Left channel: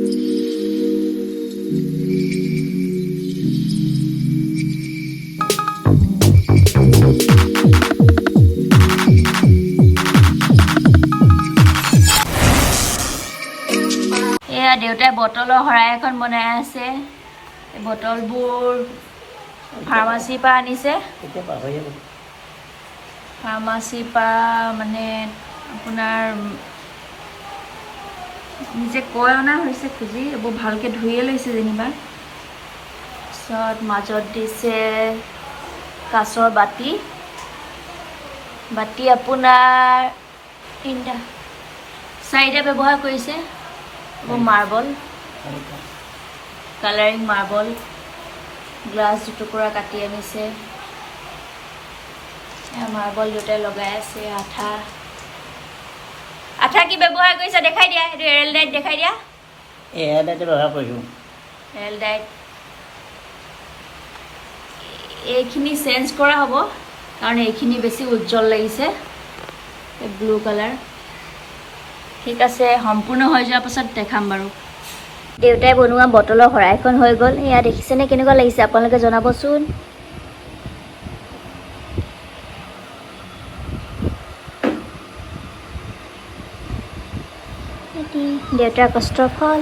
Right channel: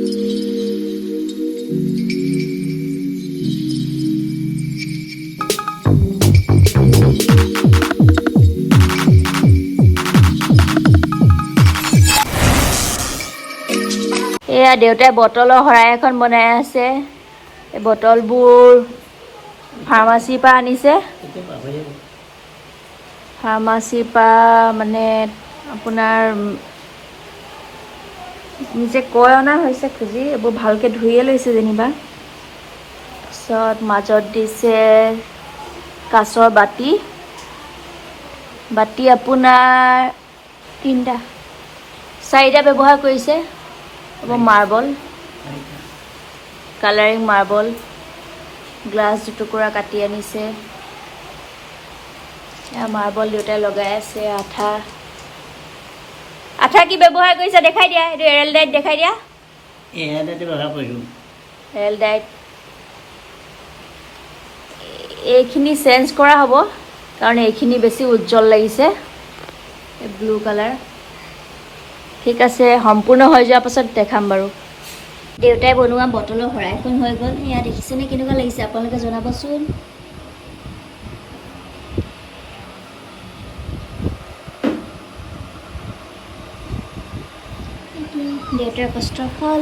এয়া দেউতাই বটলৰ শৰাই এখন বনাই আছে। এই বটলবোৰ ফাৰ্মাচীৰ পৰা আনিছে। ফাৰ্মাচীৰ পৰা মানে আপোনাৰ নিজে কৈ অনা হৈছে খুজি, এইবোৰ ভালকৈ ধুইয়ে লৈছে যেনিবা। তাৰপিছত মাজত দিছে কাঁচৰ বাতি। বাতি আপোনাৰ 3টা 4টা ব্যৱহাৰ কৰিছে। মাৰ্বল, কালাৰিং মাৰ্বল, গ্লাছ দুটুকুৰা কাটি আনিছে। মাৰ্বল দুটাই লগাই আছে। আঠা কি ব্যৱহাৰ কৰিছে দেখাই দিয়া। এইটো এৰেল ডাইট দেখাই দিয়া। এৰেল ডাইট ব্যৱহাৰ কৰিছোঁ। এৰেল ডাইট এইখিনি চেঞ্জ কৰা হ'ব, কাৰণ এইখিনি বেছি উজ্জ্বল লাগিছে, ব্লু কালাৰ। ঠিক আছে, সম্পূৰ্ণ হৈ যোৱাৰ পাছত দেখাম বাৰু। দেউতাই বনোৱা বটলৰ শৰাইখন হৈ গ'ল। এয়া দেখিছেনে কেনেকুৱা লাগিছে আপোনালোকে জনাবচোন। দেউতাৰ কষ্টৰ ফল।